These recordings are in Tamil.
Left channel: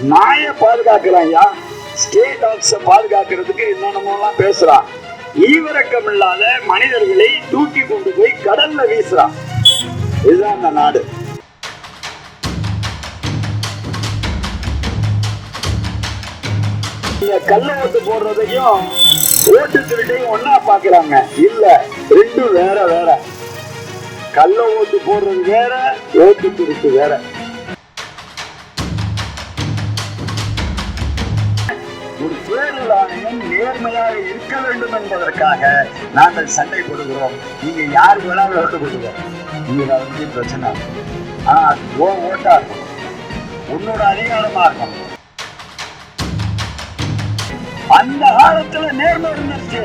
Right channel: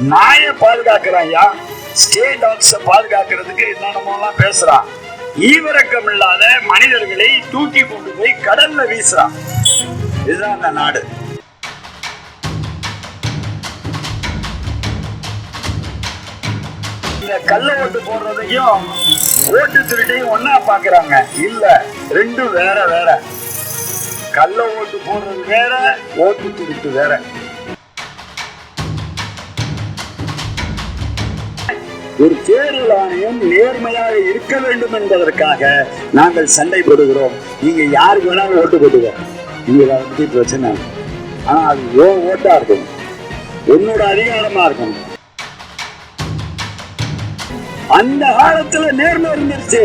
நாயை பாதுகாக்கிறான் ஐயா ஸ்டேட் டாக்ஸ பாதுகாக்கிறதுக்கு என்னென்னமோலாம் பேசுறான். ஈவிரக்கம் இல்லாத மனிதர்களை தூக்கி கொண்டு போய் கடல்ல வீசுறான். இதுதான் அந்த நாடு. இந்த கல்ல ஓட்டு போடுறதையும் ஓட்டு திருட்டையும் ஒன்னா பாக்குறாங்க. இல்ல ரெண்டும் வேற வேற. கள்ள ஓட்டு போடுறது வேற ஓட்டு திருட்டு வேற. ஒரு தேர்தல் ஆணையம் நேர்மையாக இருக்க வேண்டும் என்பதற்காக நாங்கள் சண்டை போடுகிறோம். நீங்க யாருக்கு வேணாலும் ஓட்டு போட்டுக்கோ நீங்க பிரச்சனை. ஆனா அது ஓ ஓட்டா இருக்கும் உன்னோட அதிகாரமா இருக்கும். அந்த காலத்துல நேர்மை இருந்துருச்சு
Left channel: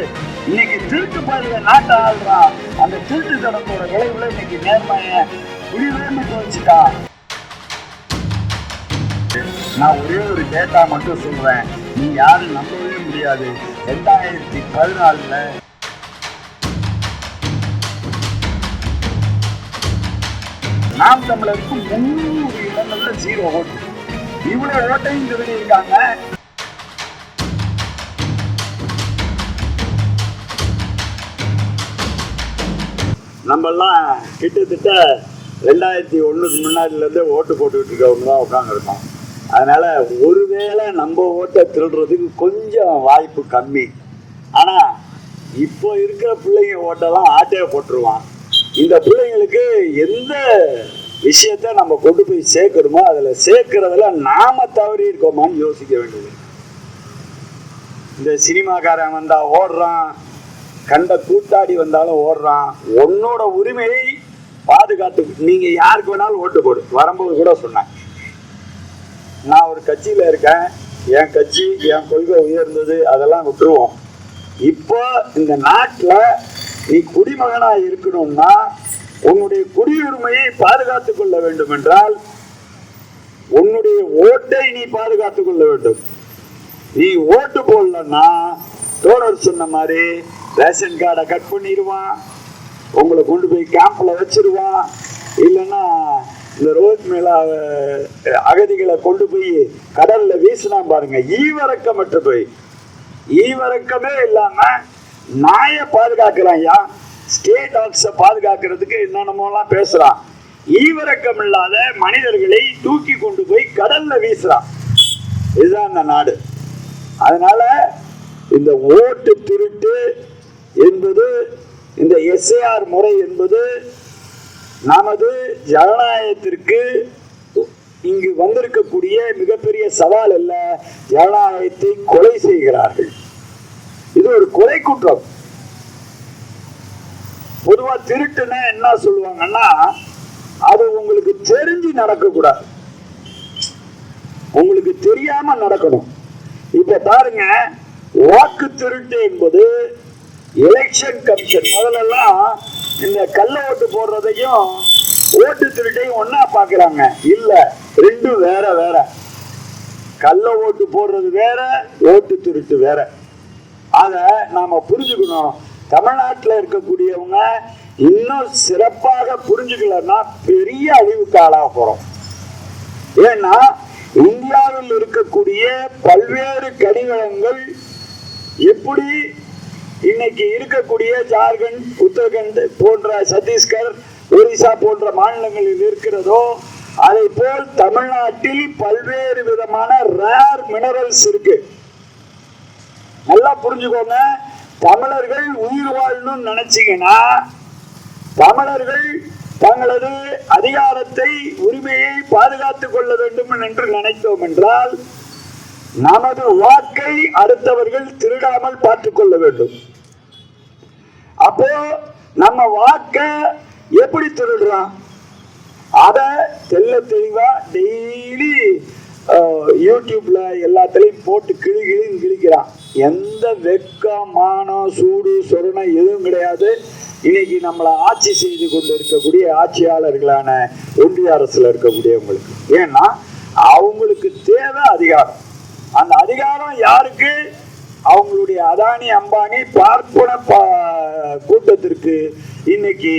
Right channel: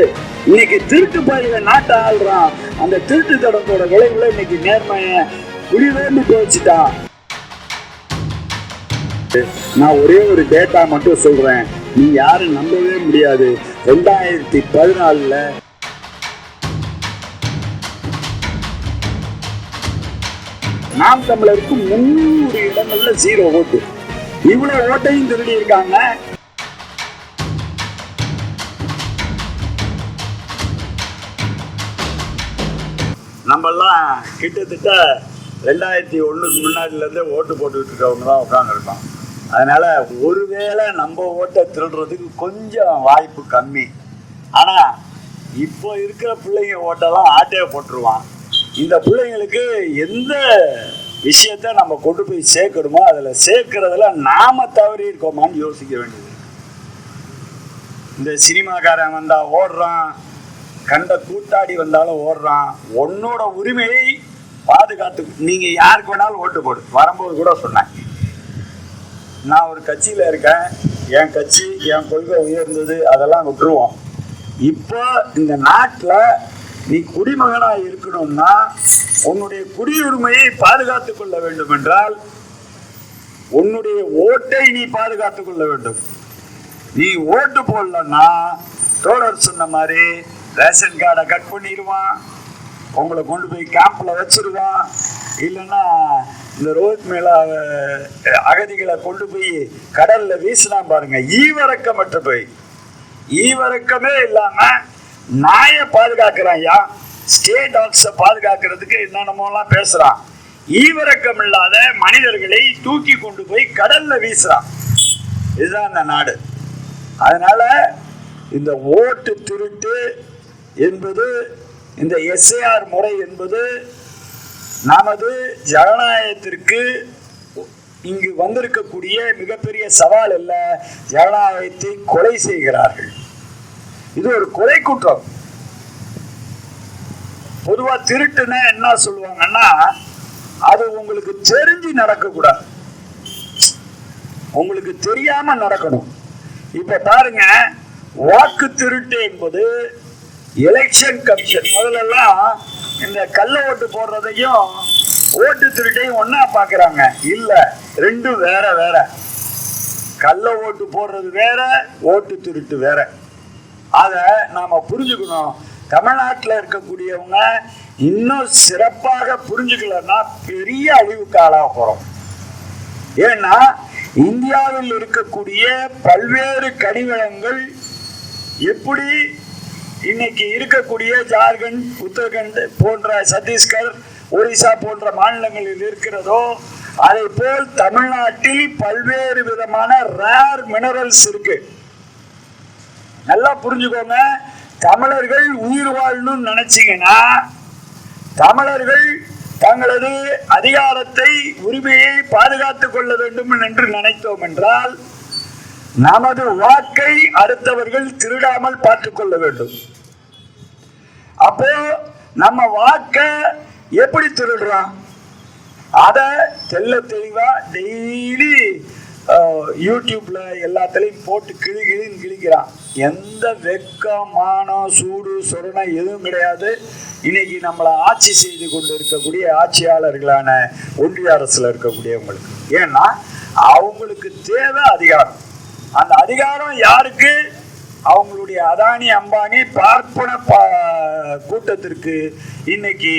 இன்னைக்கு திருட்டு பயில நாட்டை ஆள்றான். அந்த திருட்டு தொடர்போட விளைவுல இன்னைக்கு நேர்மைய குடிவேண்டி போச்சுட்டான் நான் ஒரே ஒரு டேட்டா மட்டும் சொல்றேன். நீ யாரும் நம்பவே முடியாது. ரெண்டாயிரத்தி பதினாலுல நாம் தமிழருக்கு முன்னூறு இடங்கள்ல ஜீரோ ஓட்டு இவ்வளவு ஓட்டையும் திருடி இருக்காங்க நம்மெல்லாம் கிட்டத்தட்ட ரெண்டாயிரத்தி ஒண்ணுக்கு முன்னாடிலேருந்தே ஓட்டு போட்டுக்கிட்டு இருக்கவங்க தான் உட்காந்துருக்கோம் அதனால ஒருவேளை நம்ம ஓட்டை திருடுறதுக்கு கொஞ்சம் வாய்ப்பு கம்மி. ஆனா இப்போ இருக்கிற பிள்ளைங்க ஓட்டெல்லாம் ஆட்டையை போட்டுருவான் இந்த பிள்ளைங்களுக்கு எந்த விஷயத்த நம்ம கொண்டு போய் சேர்க்கணுமோ அதில் சேர்க்கறதுல நாம தவறி இருக்கோமான்னு யோசிக்க வேண்டியது. இந்த சினிமாக்காரன் வந்தா ஓடுறான் கண்ட கூட்டாடி வந்தாலும் ஓடுறான். உன்னோட உரிமையை பாதுகாத்து நீங்க யாருக்கு வேணாலும் ஓட்டு போடு. வரும்போது கூட சொன்னேன். நான் ஒரு கட்சியில் இருக்கேன். என் கட்சி என் கொள்கை உயர்ந்தது அதெல்லாம் விட்டுருவோம். இப்போ இந்த நாட்டில் நீ குடிமகனாக இருக்கணும்னா உன்னுடைய குடியுரிமையை பாதுகாத்துக் கொள்ள வேண்டும் என்றால் உன்னுடைய ஓட்டை நீ பாதுகாத்துக் கொள்ள வேண்டும். நீ ஓட்டு போடலன்னா தோழர் சொன்ன மாதிரி ரேஷன் கார்டை கட் பண்ணிடுவான். உங்களை கொண்டு போய் கேம்ப்ல வச்சிருவான். இல்லைன்னா இந்த ரோட் மேல அகதிகளை கொண்டு போய் கடல்ல வீசினா பாருங்க. ஈவரக்கமற்ற போய். ஈவரக்கமே இல்லாம நாயை பாதுகாக்கிறான் யா ஸ்டேட் டாக்ஸ பாதுகாக்கிறதுக்கு என்னென்னமோலாம் பேசுறான். ஈவரக்கம் இல்லாத மனிதர்களை தூக்கி கொண்டு போய் கடல்ல வீசுறான். இதுதான் இந்த நாடு. அதனால இந்த ஓட்டு திருட்டு என்பது இந்த எஸ்ஏஆர் முறை என்பது நமது ஜனநாயகத்திற்கு இங்கு வந்திருக்கக்கூடிய மிகப்பெரிய சவால் அல்ல ஜனநாயகத்தை கொலை செய்கிறார்கள். இது ஒரு கொலை குற்றம். பொதுவா திருட்டுன்னு என்ன சொல்லுவாங்கன்னா அது உங்களுக்கு தெரிஞ்சு நடக்கக்கூடாது. உங்களுக்கு தெரியாம நடக்கணும். இப்ப பாருங்க வாக்கு திருட்டு என்பது எலெக்ஷன் கமிஷன் முதல்லலாம் இந்த கள்ள ஓட்டு போடுறதையும் ஓட்டு திருட்டையும் ஒன்னா பாக்குறாங்க இல்ல ரெண்டும் வேற வேற. கள்ள ஓட்டு போடுறது வேற ஓட்டு திருட்டு வேற. அத நாம புரிஞ்சுக்கணும். தமிழ்நாட்டில் இருக்கக்கூடியவங்க இன்னும் சிறப்பாக புரிஞ்சுக்கலன்னா பெரிய அழிவுக்கு ஆளாக போறோம். ஏன்னா இந்தியாவில் இருக்கக்கூடிய பல்வேறு கனிவளங்கள் எப்படி இன்னைக்கு இருக்கக்கூடிய ஜார்க்கண்ட் உத்தரகண்ட் போன்ற சத்தீஸ்கர் ஒரிசா போன்ற மாநிலங்களில் இருக்கிறதோ அதை போல் தமிழ்நாட்டில் பல்வேறு விதமான ரேர் மினரல்ஸ் இருக்கு. நல்லா புரிஞ்சுக்கோங்க. தமிழர்கள் உயிர் வாழணும்னு நினைச்சீங்கன்னா தமிழர்கள் தங்களது அதிகாரத்தை உரிமையை பாதுகாத்துக் கொள்ள வேண்டும் என்று நினைத்தோம் என்றால் நமது வாக்கை அடுத்தவர்கள் திருடாமல் பார்த்துக் கொள்ள வேண்டும். அப்போ நம்ம வாக்க எப்படி திருடுறோம் அத தெள்ள தெளிவா டெய்லி யூடியூப்ல எல்லாத்துலயும் போட்டு கிளி கிளின்னு கிழிக்கிறான். எந்த வெக்கம் மானம் சூடு சொரணை எதுவும் கிடையாது. இன்னைக்கு நம்மளை ஆட்சி செய்து கொண்டு இருக்கக்கூடிய ஆட்சியாளர்களான ஒன்றிய அரசுல இருக்கக்கூடியவங்களுக்கு. ஏன்னா அவங்களுக்கு தேவை அதிகாரம். அந்த அதிகாரம் யாருக்கு? அவங்களுடைய அதானி அம்பானி பார்ப்பன கூட்டத்திற்கு இன்னைக்கு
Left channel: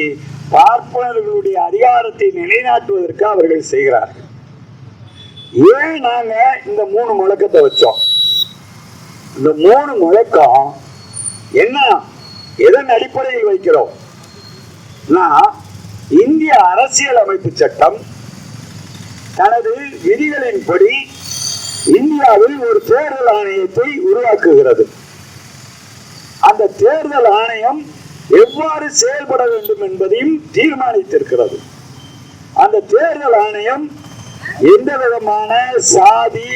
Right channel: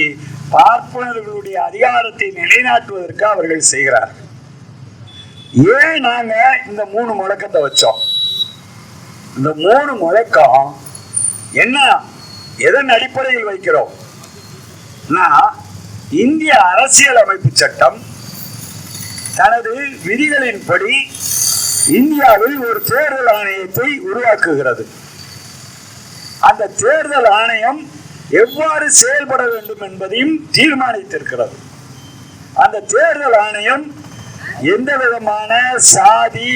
பார்ப்பனர்களுடைய அதிகாரத்தை நிலைநாட்டுவதற்கு அவர்கள் செய்கிறார்கள். ஏன் நாங்க இந்த மூணு முழக்கத்தை வச்சோம்? இந்த மூணு முழக்கம் என்ன? எதன் அடிப்படையில் வைக்கிறோம்? இந்திய அரசியல் அமைப்பு சட்டம் தனது விதிகளின்படி இந்தியாவில் ஒரு தேர்தல் ஆணையத்தை உருவாக்குகிறது. அந்த தேர்தல் ஆணையம் எவ்வாறு செயல்பட வேண்டும் என்பதையும் தீர்மானித்திருக்கிறது. அந்த தேர்தல் ஆணையம் எந்த விதமான சாதி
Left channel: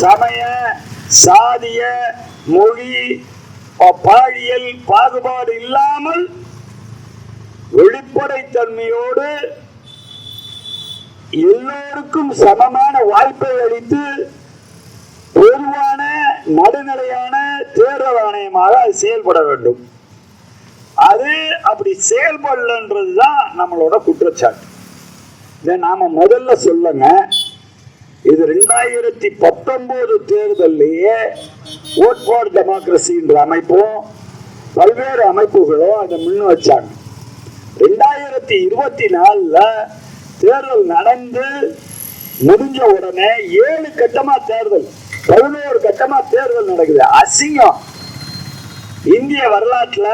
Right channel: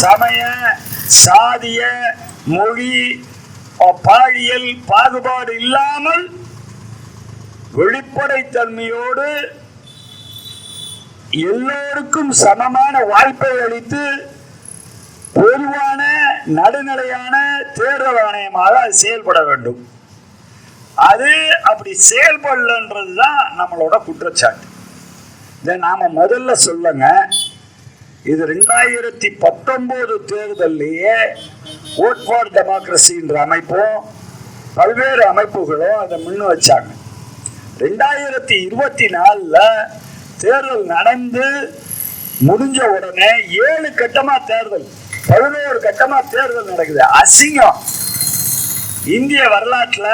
சமய சாதிய மொழி பாழியல் பாலியல் பாகுபாடு இல்லாமல் வெளிப்படைத்தன்மையோடு எல்லோருக்கும் சமமான வாய்ப்பை அளித்து பொதுவான நடுநிலையான தேர்தல் ஆணையமாக அது செயல்பட வேண்டும். அது அப்படி செயல்படலன்றது தான் நம்மளோட குற்றச்சாட்டு. இதை நாம முதல்ல சொல்லுங்க. இது ரெண்டாயிரத்தி பத்தொன்பது தேர்தல்லையே ஓட் ஃபார் டெமோக்ரஸின்ற அமைப்பும் பல்வேறு அமைப்புகளும் அதை முன் வச்சாங்க. ரெண்டாயிரத்தி இருபத்தி நாலில் தேர்தல் நடந்து முடிஞ்ச உடனே ஏழு கட்டமாக தேர்தல். பதினோரு கட்டமா தேர்தல் நடக்குது. அசிங்கம். இந்திய வரலாற்றுல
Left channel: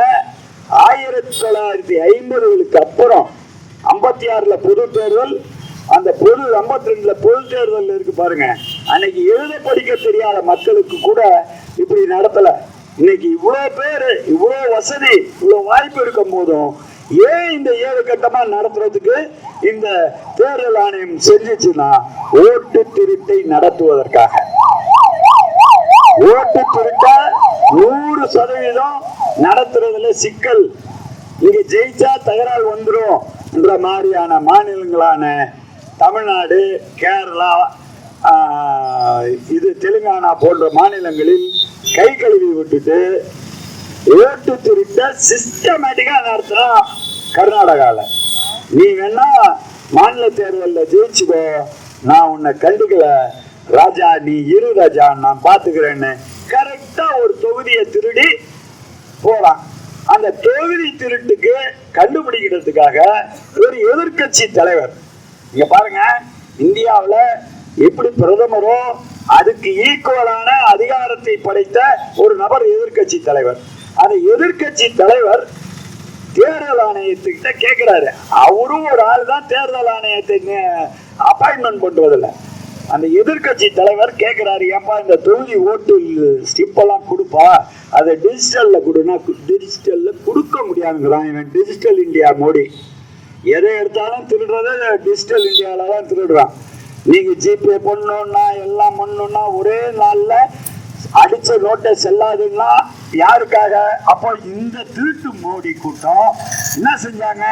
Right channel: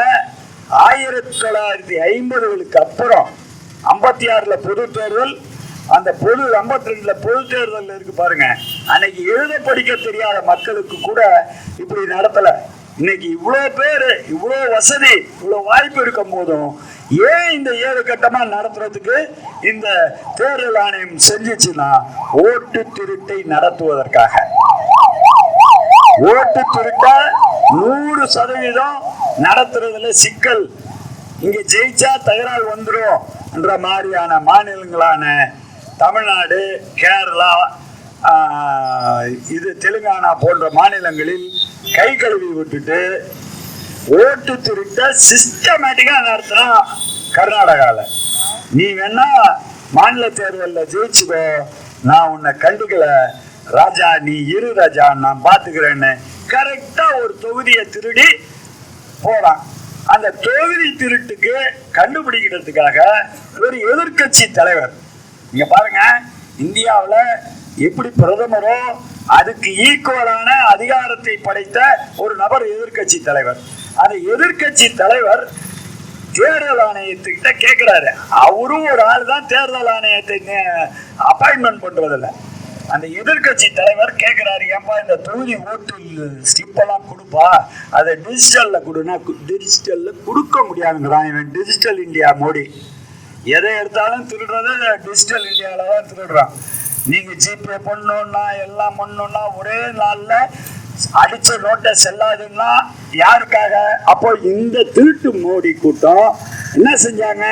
ஆயிரத்தி தொள்ளாயிரத்தி ஐம்பதுகளுக்கு அப்புறம் ஐம்பத்தி ஆறுல பொது தேர்தல் அந்த பொது ஐம்பத்தி ரெண்டுல பொது தேர்தல் இருக்கு பாருங்க. அன்னைக்கு எழுத படிக்க தெரியாத மக்களுக்கு கூட இப்படி நடத்தல. இன்னைக்கு இவ்வளோ பேர் இவ்வளோ வசதி இவ்வளோ வாய்ப்பு இருக்கும் போதும் ஏன் இந்த ஏழு கட்டமாக நடத்துறதுக்கு இந்த தேர்தல் ஆணையம் செஞ்சுச்சுன்னா ஓட்டு திருட்டை நடத்துவதற்காக. ஓட்டு திருட்ட நூறு சதவீதம் நடத்துறதுல சிக்கல். இங்க ஜெயிச்சா தகராறு வந்துடும் என்ற மாதிரியான மாநிலங்களான தமிழ்நாடு கேரளா இது தெலுங்கானா போன்ற மாநிலங்களில் கை கழுவி விட்டுட்டு ஓட்டு திருட்ட சிஸ்டமேட்டிக்கா நடத்தினா கர்நாடகால. நீ வேணா மாநில தேர்தலில் ஜெயிச்சுக்கோ நான் உன்னை கண்டுக்கல. ராஜா நீ இரு ராஜா நான் பாத்துக்கிறேன்னு கரெக்டா ஒரு தொகுதியை திருடி போறான். அந்த தொகுதி திருட்டுக்கு கண்டுபிடிக்கிறதுக்காக ஒரு எதிர்க்கட்சி தலைவர். நீங்க பாருங்க இந்தியாவில் எப்படி பிரதமரோ அதுக்கு ஈக்குவலான அதிகாரத்தை படைத்த ஒரு நபர் எதிர்க்கட்சி தலைவர். அந்த எதிர்க்கட்சி தலைவர் தேர்தல் ஆணையத்துக்கிட்ட கேட்கிறாரு அவரும் ஒரு ஆள் தான் தேர்தல் ஆணையத்தை அப்பாயின்மெண்ட் பண்றதில்லை அந்த எதிர்க்கட்சி தலைவர் கேட்கிறாரு ஏன்பா இந்த தொகுதி ஓட்டு ஸ்டிப்பெல்லாம் கொடுப்பா? அதை டிஜிட்டல்ல கொடுனா டிஜிட்டல்ல கொடுக்க முடியாதுங்கிறான் இவன். Digital India Modi. எதை எடுத்தாலும் திருடுறதை டிஜிட்டல் இந்தியாவில தான் திருடுறான். நீங்க ஜிபே பண்ணணும்னா எல்லாம் பண்ணணும்னா ஒரே நாள்ல அடிச்ச நோட்டை செல்லாதுன்னா யாருக்காக? அப்போ இந்த திருட்டு மோடி கூட்டம் என்ன செஞ்சாங்க?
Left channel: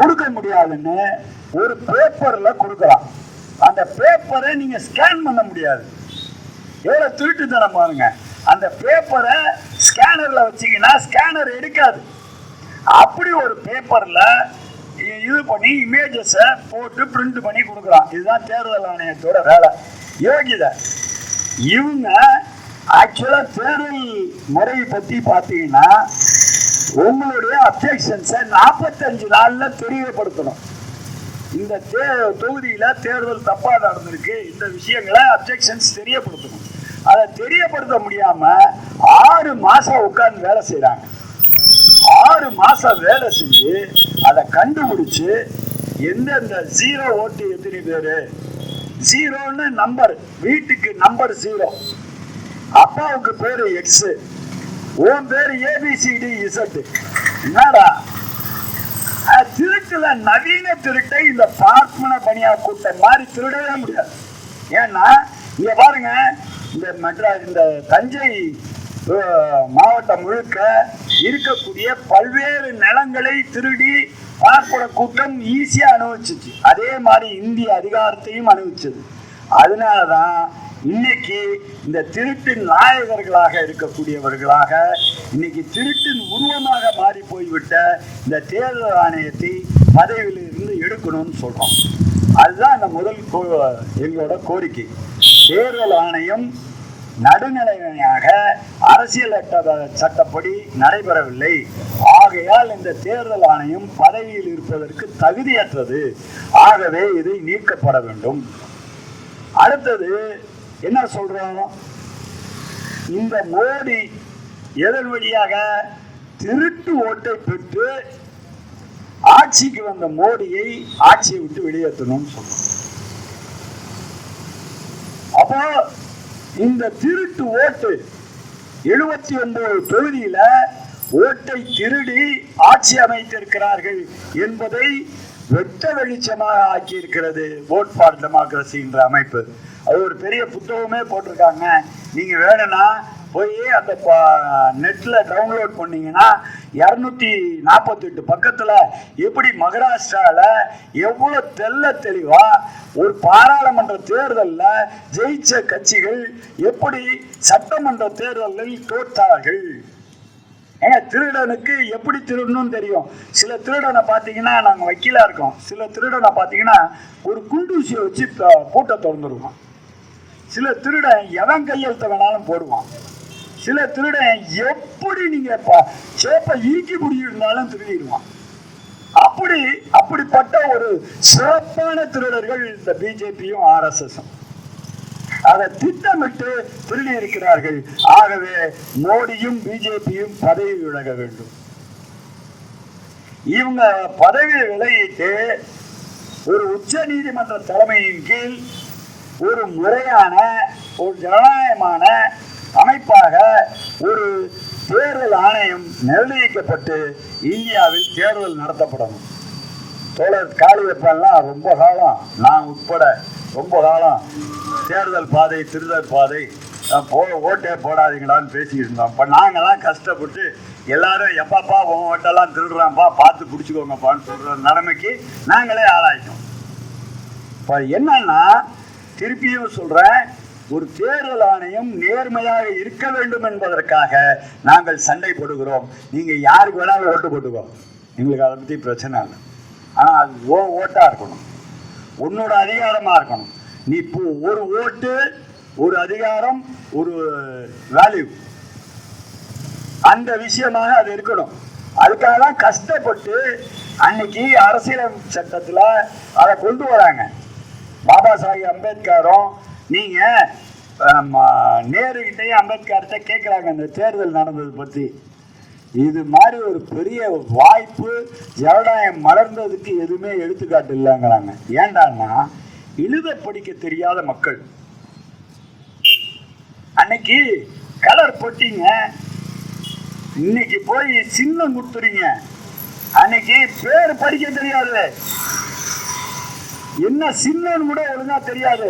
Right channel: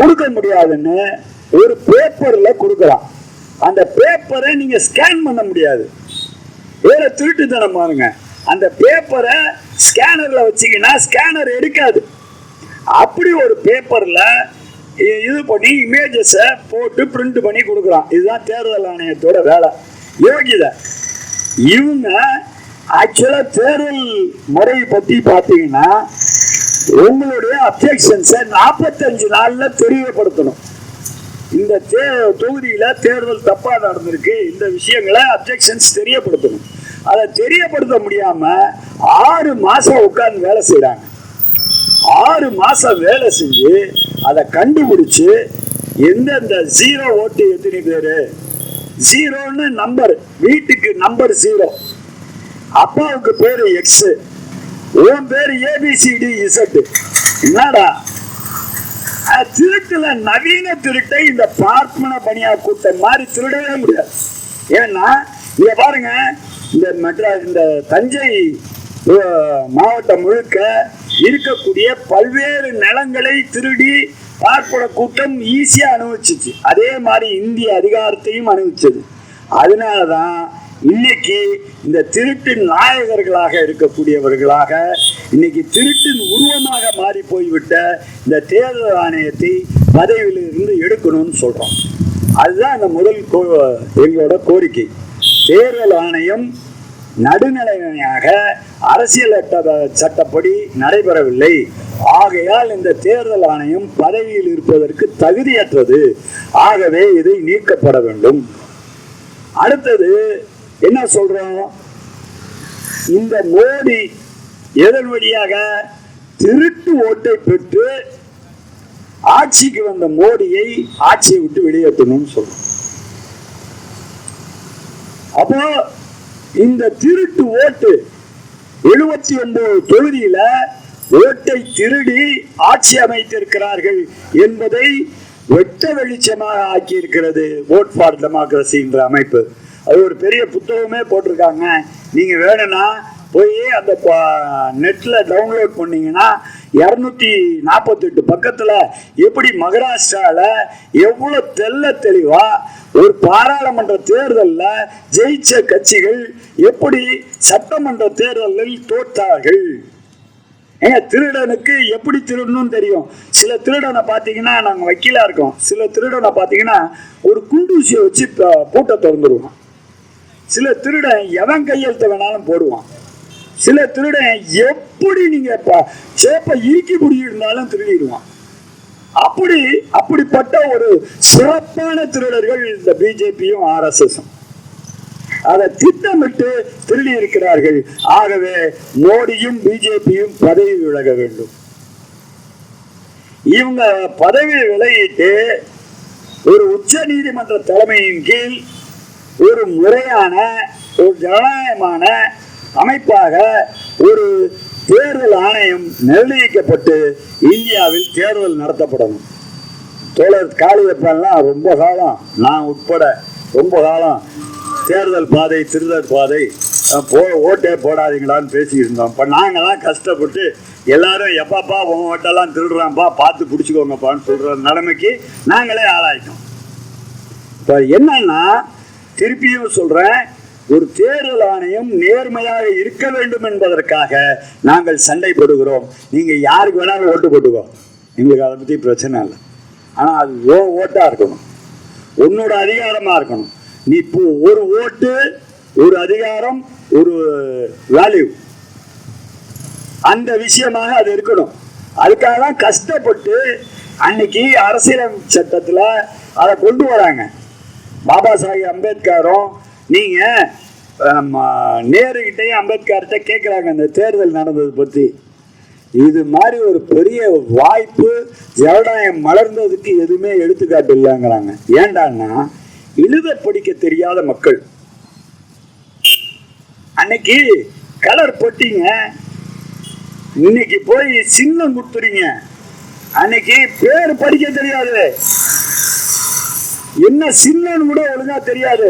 கொடுக்க முடியாதுன்னு ஒரு பேப்பர்ல கொடுக்குறான். அந்த பேப்பரை நீங்க ஸ்கேன் பண்ண முடியாது. வேற திருட்டுத்தனம் பாருங்க. அந்த பேப்பரை ஸ்கேனர்ல வச்சீங்கன்னா ஸ்கேனர் எடுக்காது. அப்படி ஒரு பேப்பர்ல இது பண்ணி இமேஜஸை போட்டு பிரிண்ட் பண்ணி கொடுக்குறான். இதுதான் தேர்தல் ஆணையத்தோட வேலை. யோகிதை இவங்க ஆக்சுவலா தேர்தல் முறை பத்தி பாத்தீங்கன்னா உங்களுடைய அப்ஜெக்ஷன்ஸை நாற்பத்தஞ்சு நாள்ல தெரியப்படுத்தணும். இந்த தே தொகுதியில தேர்தல் தப்பா நடந்திருக்கு. இந்த விஷயங்களை அப்ஜெக்ஷன்ஸ் தெரியப்படுத்தணும். அதை தெரியப்படுத்த முடியாம ஆறு மாசம் உட்கார்ந்து வேலை செய்யறாங்க ஆறு மாசம் வேலை செஞ்சு அதை கண்டுபிடிச்சு எந்தெந்த ஜீரோ ஓட்டு எத்தனை பேரு? ஜீரோன்னு நம்பர் வீட்டுக்கு நம்பர் ஜீரோ அப்பாவுக்கு பேரு எக்ஸ் உன் பேரு ஏபிசிடி இசட் என்னடா? திருட்டுல நவீன திருட்டை இந்த பார்ப்பன பணியா கூட்டம் மாதிரி திருடவே முடியாது ஏன்னா இங்க பாருங்க இந்த மெட்ராஸ் இந்த தஞ்சை மாவட்டம் முழுக்க இருக்கக்கூடிய பல்வேறு நிலங்களை திருடி பார்ப்பன கூட்டம் ஈஸியா அனுபவிச்சிச்சு. அதே மாதிரி இந்திய அதிகாரத்தையும் அனுபவிச்சது. அதனாலதான் இன்னைக்கு இந்த திருட்டின் நாயகர்களாக இருக்கக்கூடியவர்களாக இன்னைக்கு திருட்டின் உருவமாக மாறி போய்விட்ட இந்த தேர்தல் ஆணையத்தை பதவியில் இருந்து எடுக்கணும்னு சொல்றோம். அதுதான் இந்த முதல் கோ எங்களோட கோரிக்கை. தேர்தல் ஆணையம் நடுநிலையாக அரசியல் சட்டப்படி நடைபெறவில்லை. ஆகையால் இந்த தேர்தல் ஆணையம் பதவியில் இருப்பதற்கு தகுதியற்றது. ஆகவே இதை நீக்கப்பட வேண்டும். அடுத்தது என்ன சொல்றோம்? இந்த மோடி எதன் வழியாக திருட்டு ஓட்டை பெற்று ஆட்சிக்கு வந்த மோடியை ஆட்சியை விட்டு வெளியேற்றணும்னு சொல்றோம். அப்போ இந்த திருட்டு ஓட்டு எழுபத்தி ஒன்பது தொகுதியில ஓட்டை திருடி ஆட்சி அமைத்திருக்கிறார்கள் என்பதை வெட்ட வெளிச்சமாக ஆக்கியிருக்கிறது ஓட் ஃபார் டெமோக்ரஸி என்ற அமைப்பு. அது ஒரு பெரிய புத்தகமே போட்டிருக்காங்க. நீங்க வேணும்னா போய் அந்த நெட்ல டவுன்லோட் பண்ணீங்கன்னா இரநூத்தி நாற்பத்தெட்டு பக்கத்துல எப்படி மகாராஷ்டிரால எவ்வளவு தெல்ல தெளிவா ஒரு பாராளுமன்ற தேர்தலில் ஜெயிச்ச கட்சிகள் எப்படி சட்டமன்ற தேர்தலில் தோற்றார்கள் ஏங்க திருடனுக்கு எப்படி திருடணும்னு தெரியும்? சில திருடனை பார்த்தீங்கன்னா நாங்கள் வக்கீலாக இருக்கோம். சில திருடனை பார்த்தீங்கன்னா ஒரு குண்டூசியை வச்சு பூட்டை திறந்துருவோம். சில திருடன் எவன் கையெழுத்த வேணாலும் போடுவான். சில திருடன் எப்படி நீங்க சேப்பை ஈக்கி முடியிருந்தாலும் திருடிடுவான். அப்படி அப்படிப்பட்ட ஒரு சிறப்பான திருடர்கள் இந்த பிஜேபியும் ஆர்எஸ்எஸும். அதை திட்டமிட்டு திருடி இருக்கிறார்கள் ஆகவே மோடியும் பிஜேபியும் பதவி விலக வேண்டும். இவங்க பதவி விலகிட்டு ஒரு உச்ச நீதிமன்ற தலைமையின் கீழ் ஒரு முறையான ஒரு ஜனநாயகமான அமைப்பாக ஒரு தேர்தல் ஆணையம் நிர்ணயிக்கப்பட்டு இந்தியாவில் தேர்தல் நடத்தப்படணும் தோழர் காளியப்பன்லாம் ரொம்ப காலம் நான் உட்பட ரொம்ப காலம் தேர்தல் பாதை திருதல் பாதை போ ஓட்டே போடாதீங்களான்னு பேசிக்கிட்டு இருந்தோம். இப்போ நாங்களாம் கஷ்டப்பட்டு எல்லாரும் எப்பப்பா உன் ஓட்டெல்லாம் திருடுறான்ப்பா பார்த்து பிடிச்சிக்கோங்கப்பான்னு சொல்கிற நிலைமைக்கு நாங்களே ஆளாயிட்டோம். இப்போ என்னன்னா திருப்பியும் சொல்றேன் ஒரு தேர்தல் ஆணையம் நேர்மையாக இருக்க வேண்டும் என்பதற்காக நாங்கள் சண்டை போடுகிறோம் நீங்க யாருக்கு வேணாலும் ஓட்டு போட்டுக்கோ. எங்களுக்கு அதை பத்தி பிரச்சனை இல்லை. ஆனா அது ஓ ஓட்டா இருக்கணும். உன்னோட அதிகாரமா இருக்கணும். நீ இப்போ ஒரு ஓட்டு ஒரு அதிகாரம் ஒரு வேல்யூ அந்த விஷயமாக அது இருக்கணும். அதுக்காக தான் கஷ்டப்பட்டு அன்னைக்கு அரசியலமைப்பு சட்டத்தில் அதை கொண்டு வராங்க. பாபா சாஹிப் அம்பேத்கரும் நீங்கள் ஆமா, அம்பேத்கர்கிட்ட கேட்குறாங்க இந்த தேர்தல் நடந்தது பற்றி இது மாதிரி ஒரு பெரிய வாய்ப்பு ஜனநாயகம் மலர்ந்ததுக்கு எதுவுமே எடுத்துக்காட்டு இல்லைங்கிறாங்க ஏண்டான்னா எழுத படிக்க தெரியாத மக்கள். அன்னைக்கு கலர் போட்டீங்க இன்னைக்கு போய் சின்னம் கொடுத்துறீங்க அன்னைக்கு பேர் படிக்க தெரியாது. என்ன சின்னன்னு கூட ஒழுங்கா தெரியாது.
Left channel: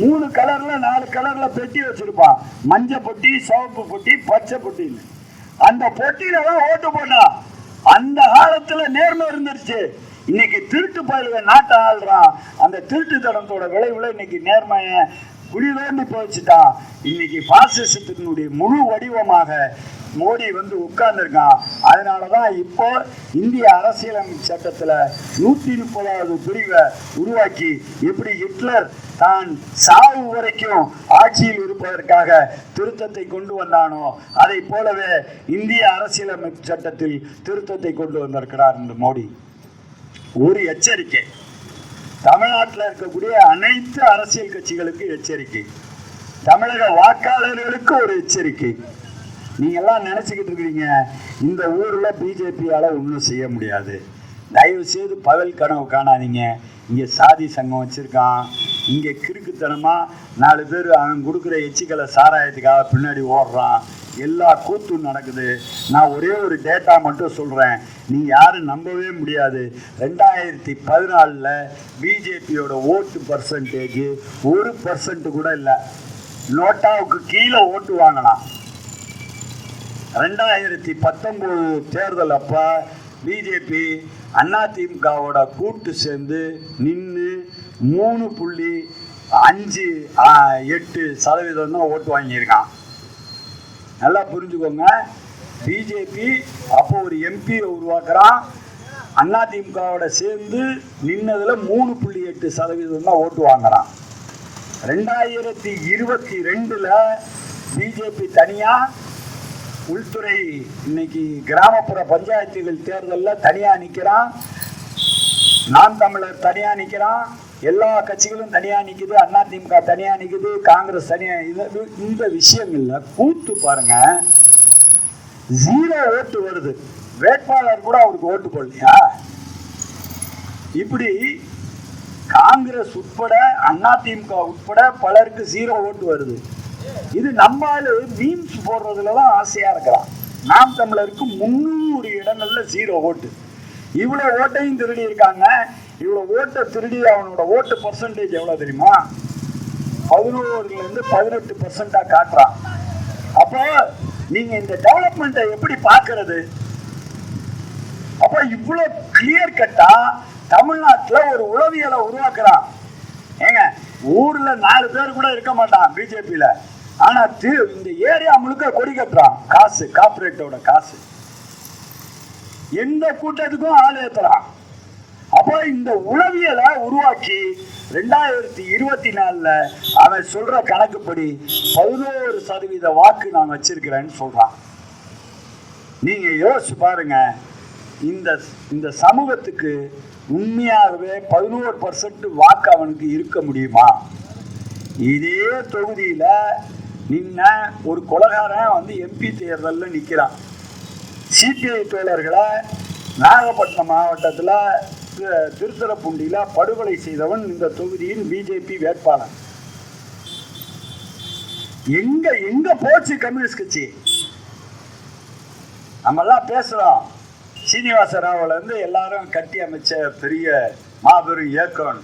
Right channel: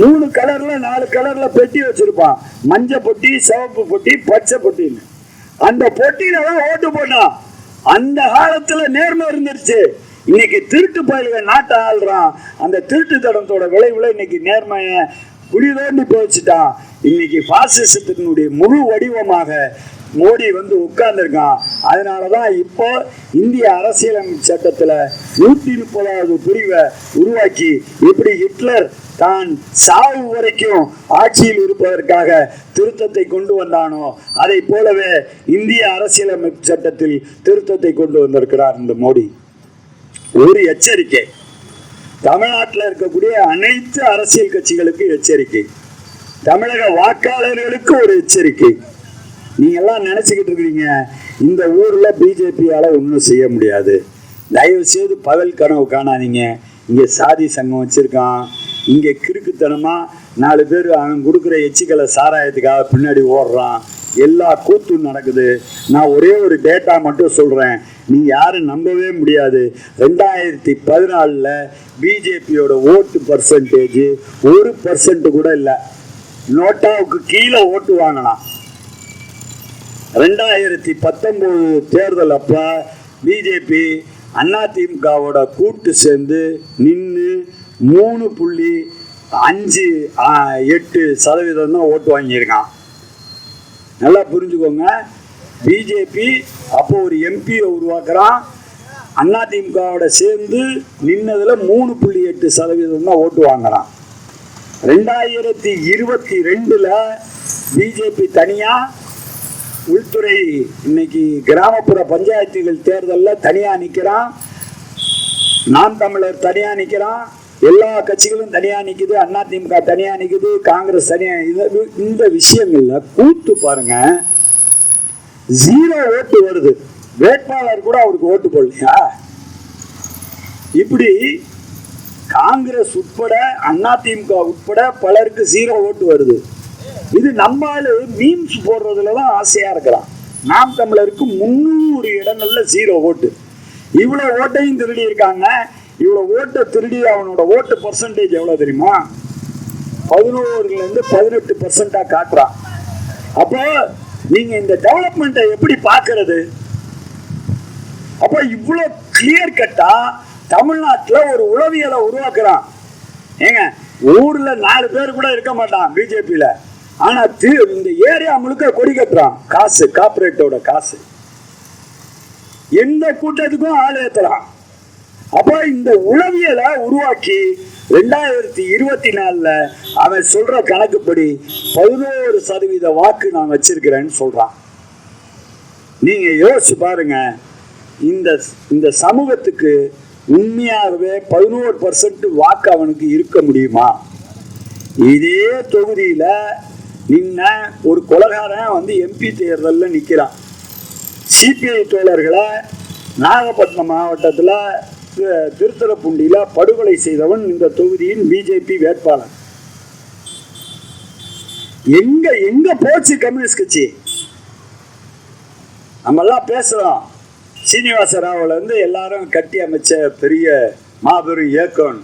மூணு கலர்ல நாலு கலர்ல பெட்டி வச்சிருப்பான். மஞ்ச பொட்டி சிவப்பு பொட்டி பச்சை பொட்டின்னு. அந்த பொட்டியில தான் ஓட்டு போட்டான். அந்த காலத்துல நேர்மை இருந்துருச்சு. இன்னைக்கு திருட்டு பயிலுக நாட்டை ஆள்றான். அந்த திருட்டு தடத்தோட விளைவுல இன்னைக்கு நேர்மைய குடி தோண்டி போச்சுட்டான். இன்னைக்கு பாசிசத்தினுடைய முழு வடிவமாக மோடி வந்து உட்கார்ந்துருக்கான். அதனாலதான் இப்போ இந்திய அரசியலமைப்பு சட்டத்துல நூத்தி முப்பதாவது பிரிவை உருவாக்கி இப்படி ஹிட்லர் தான் சாவு வரைக்கும் ஆட்சியில் இருப்பதற்காக திருத்தத்தை கொண்டு வந்தானோ அதை போலவே இந்திய அரசியலமைப்பு சட்டத்தில் திருத்தத்தை கொண்டு வந்திருக்கிறார் இந்த மோடி. ஒரு எச்சரிக்கை. தமிழ்நாட்டில் இருக்கக்கூடிய அனைத்து அரசியல் கட்சிகளுக்கு எச்சரிக்கை. தமிழக வாக்காளர்களுக்கு ஒரு எச்சரிக்கை. நீங்க எல்லாம் நினைச்சுக்கிட்டு இருக்கிறீங்க இந்த ஊர்ல பிஜேபியால ஒன்றும் செய்ய முடியாது. தயவு செய்து பகல் கனவு காணாதீங்க. இங்கே சாதி சங்கம் வச்சுருக்கான். இங்கே கிறுக்குத்தனமாக நாலு பேர் அவன் கொடுக்குற எச்சிக்கலை சாராயத்துக்காக பின்னாடி ஓடுறான். எல்லா கூத்தும் நடக்குது. நான் ஒரே ஒரு டேட்டா மட்டும் சொல்கிறேன் நீ யாரும் நம்பவே முடியாது. ரெண்டாயிரத்தி பதினாலில் பிஜேபியோட ஓட்டு பர்சன்டேஜ் ஒரு பர்சன்ட் கூட இல்லை. நோட்டாவுக்கு கீழே ஓட்டு வாங்கலாம். ரெண்டாயிரத்தி பத்தொன்பது தேர்தல் அப்போ பிஜேபி அதிமுகவோட கூட்டு சேர்ந்து நின்று மூணு புள்ளி அஞ்சு எட்டு சதவீதம் தான் ஓட்டு வாங்கியிருக்கான். நல்லா புரிஞ்சுக்கோங்க. பிஜேபி அப்போ ஒரு எம்பியை உருவாக்குறான். அதிமுகவோட சேர்ந்து நின்னதில் மூணு புள்ளி எட்டு சதவீதம் தான் ஓட்டு வாங்குறான். ரெண்டாயிரத்தி இருபத்தி ரெண்டில் பிஜேபி தனியாக உள்துறை இன்னைக்கு கிராமப்புற பஞ்சாயத்துகள் தேர்தலில் தனியா நிற்கிறான் நாம் தமிழர் தனியா நிற்கிறான் எல்லா கட்சிகளும் தனியா நிற்குது அதிமுக தனியா நிற்குது காங்கிரஸ் தனியா இது- இந்த விஷயங்கள்ல கூத்து பாருங்க. ஜீரோ ஓட்டு வருது. வேட்பாளர் கூட அவருக்கு ஓட்டு போடலையா? இப்படி காங்கிரஸ் உட்பட அதிமுக உட்பட பலருக்கு ஜீரோ ஓட்டு வருது. இது நம்மால மீம்ஸ் போடுறதுல தான் ஆசையா இருக்கிறான் நாம் தமிழருக்கு முன்னூறு இடங்கள்ல ஜீரோ ஓட்டு இவ்வளவு ஓட்டையும் திருடி இருக்காங்க இவ்வளவு ஓட்டை திருடி அவனோட ஓட்டு பர்சன்டேஜ் எவ்வளவு தெரியுமா? பதினோருல இருந்து பதினெட்டு பர்சன்டா காட்டுறான். அப்போ நீங்க இந்த டெவலப்மெண்ட்டை எப்படி பாக்குறது அப்ப இவ்வளவு கிளியர் கட்டா தமிழ்நாட்டுல ஒரு உளவியலை உருவாக்குறான். ஏங்க ஊர்ல நாலு பேர் கூட இருக்க மாட்டான் பிஜேபியில ஆனா இந்த ஏரியா முழுக்க கொடி கட்டுறான். காசு கார்பரேட்டோட காசு. எந்த கூட்டத்துக்கும் ஆள் ஏத்துறான் அப்ப இந்த உளவியலை உருவாக்கி ரெண்டாயிரத்தி இருபத்தி நாலுல அவன் சொல்ற கணக்குப்படி பதினோரு சதவீத வாக்கு நான் வச்சிருக்கிறேன்னு சொல்றான். நீங்க யோசிச்சு பாருங்க. இந்த இந்த சமூகத்துக்கு உண்மையாகவே பதினோரு பர்சன்ட் வாக்கு அவனுக்கு இருக்க முடியுமா? இதே தொகுதியில நின்ன ஒரு கொலகாரன் வந்து எம்பி தேர்தலில் நிற்கிறான் சிபிஐ தோழர்களை நாகப்பட்டினம் மாவட்டத்தில் திருத்தரப்பூண்டியில் படுகொலை செய்தவன் இந்த தொகுதியின் பிஜேபி வேட்பாளர். எங்க எங்க போச்சு கம்யூனிஸ்ட் கட்சி? நம்மெல்லாம் பேசுறோம். சீனிவாச ராவுல இருந்து எல்லாரும் கட்டி அமைச்ச பெரிய மாபெரும் இயக்கம்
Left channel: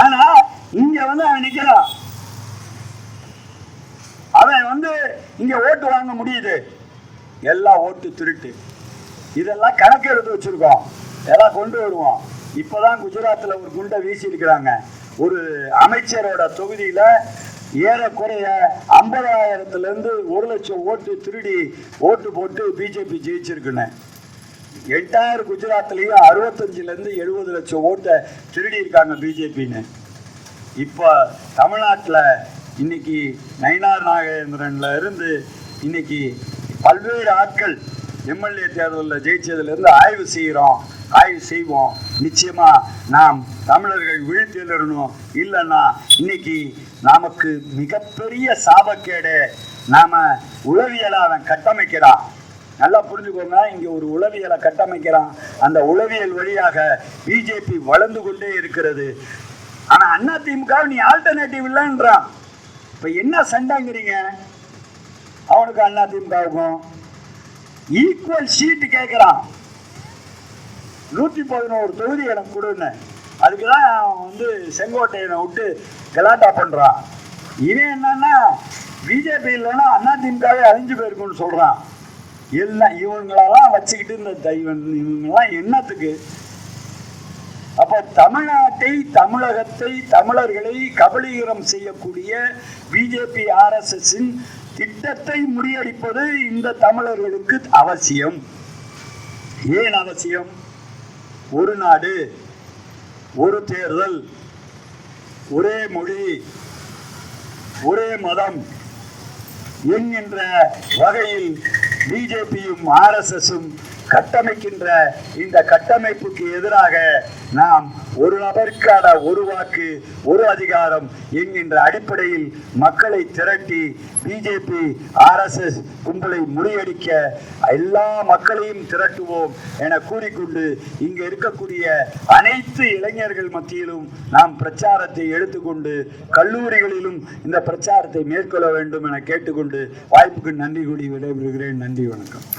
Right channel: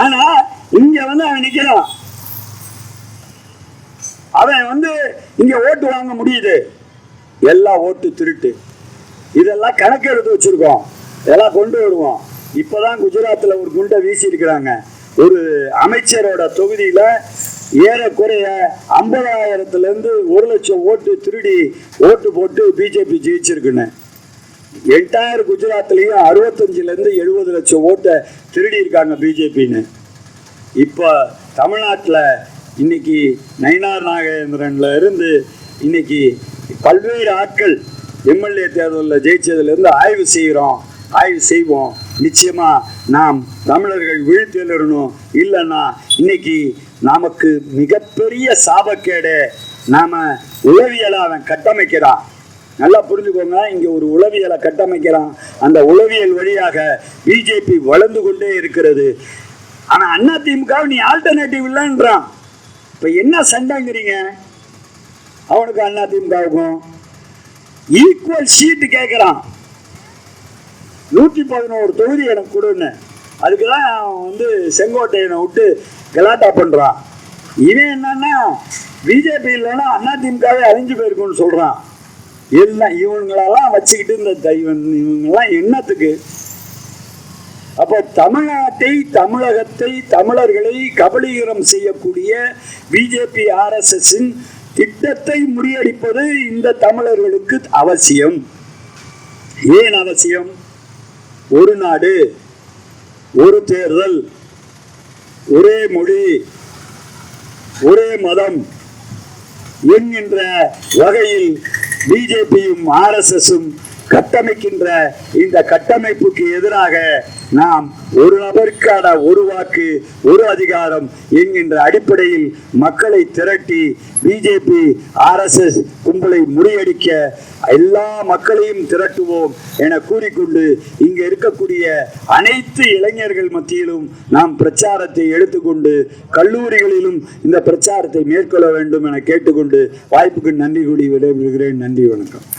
ஆனா இங்க வந்து அவன் நிக்கிறான். அவன் வந்து இங்க ஓட்டு வாங்க முடியுது. எல்லாம் ஓட்டு திருட்டு. இதெல்லாம் கணக்கு எடுத்து வச்சிருக்கோம். இதெல்லாம் கொண்டு வருவோம். இப்பதான் குஜராத்ல ஒரு குண்டை வீசி இருக்கிறாங்க ஒரு அமைச்சரோட தொகுதியில ஏறக்குறைய ஐம்பதாயிரத்துல இருந்து ஒரு லட்சம் ஓட்டு திருடி ஓட்டு போட்டு பிஜேபி ஜெயிச்சிருக்குன்னு. எட்டாயிரம் குஜராத்லயும் அறுபத்தஞ்சுல இருந்து எழுபது லட்சம் ஓட்டை திருடி இருக்காங்க பிஜேபின்னு. இப்போ தமிழ்நாட்டில் இன்னைக்கு நயினார் நாகேந்திரன்ல இருந்து இன்னைக்கு பல்வேறு ஆட்கள் எம்எல்ஏ தேர்தலில் ஜெயிச்சதுலேருந்து ஆய்வு செய்கிறோம். ஆய்வு செய்வோம். நிச்சயமா நாம் தமிழர்கள் விழித்தெழுறணும் இல்லைன்னா இன்னைக்கு நமக்கு மிகப்பெரிய சாபக்கேடு நாம உளவியலை அவன் கட்டமைக்கிறான். நல்லா புரிஞ்சுக்கோங்க இங்க ஒரு உளவியலை கட்டமைக்கிறான். அந்த உளவியல் வழியாக பிஜேபி வளர்ந்து கொண்டே இருக்கிறது. ஆனா அண்ணா திமுக நீ ஆல்டர்னேட்டிவ் இல்லைன்றான். இப்போ என்ன சண்டைங்கிறீங்க? அவனுக்கு அண்ணா திமுகவுக்கும் ஈக்குவல் சீட்டு கேட்குறான் நூற்றி பதினோரு தொகுதி எனக்கு கொடுன்னு. அதுக்கு தான் அவன் வந்து செங்கோட்டையனை விட்டு கலாட்டா பண்ணுறான் இவன் என்னன்னா பிஜேபி இல்லைன்னா அதிமுகவே அழிஞ்சு போயிருக்குன்னு சொல்கிறான் எல்லாம் இவங்களெல்லாம் வச்சுக்கிட்டு இந்த த- இவன் இவங்கெல்லாம் என்னத்துக்கு? அப்போ தமிழ்நாட்டை தமிழகத்தை தமிழர்களை கபலீகரம் செய்யக்கூடிய பிஜேபி ஆர்எஸ்எஸ்ஸின் திட்டத்தை முறியடிப்பது இந்த தமிழர்களுக்கு அவசியம். ஏன் அவசியம்? ஒரு நாடு ஒரு தேர்தல் ஒரே மொழி ஒரே மதம் என்கின்ற வகையில் பிஜேபியும் ஆர்எஸ்எஸும் கட்டமைக்கின்ற இந்த கட்டமைப்புக்கு எதிராக நாம் ஒரு நபருக்கான ஒரு வாக்கு ஒரு அதிகாரம் என்கின்ற அடிப்படையில் மக்களை திரட்டி பிஜேபி ஆர்எஸ்எஸ் கும்பலை முறியடிக்க எல்லா மக்களையும் திரட்டுவோம் என கூறிக்கொண்டு இங்கு இருக்கக்கூடிய அனைத்து இளைஞர்கள் மத்தியிலும் நாம் பிரச்சாரத்தை எடுத்துக்கொண்டு கல்லூரிகளிலும் இந்த பிரச்சாரத்தை மேற்கொள்ள வேண்டும் என கேட்டுக்கொண்டு வாய்ப்புக்கு நன்றி கூடி விடைபெறுகிறேன். நன்றி வணக்கம்.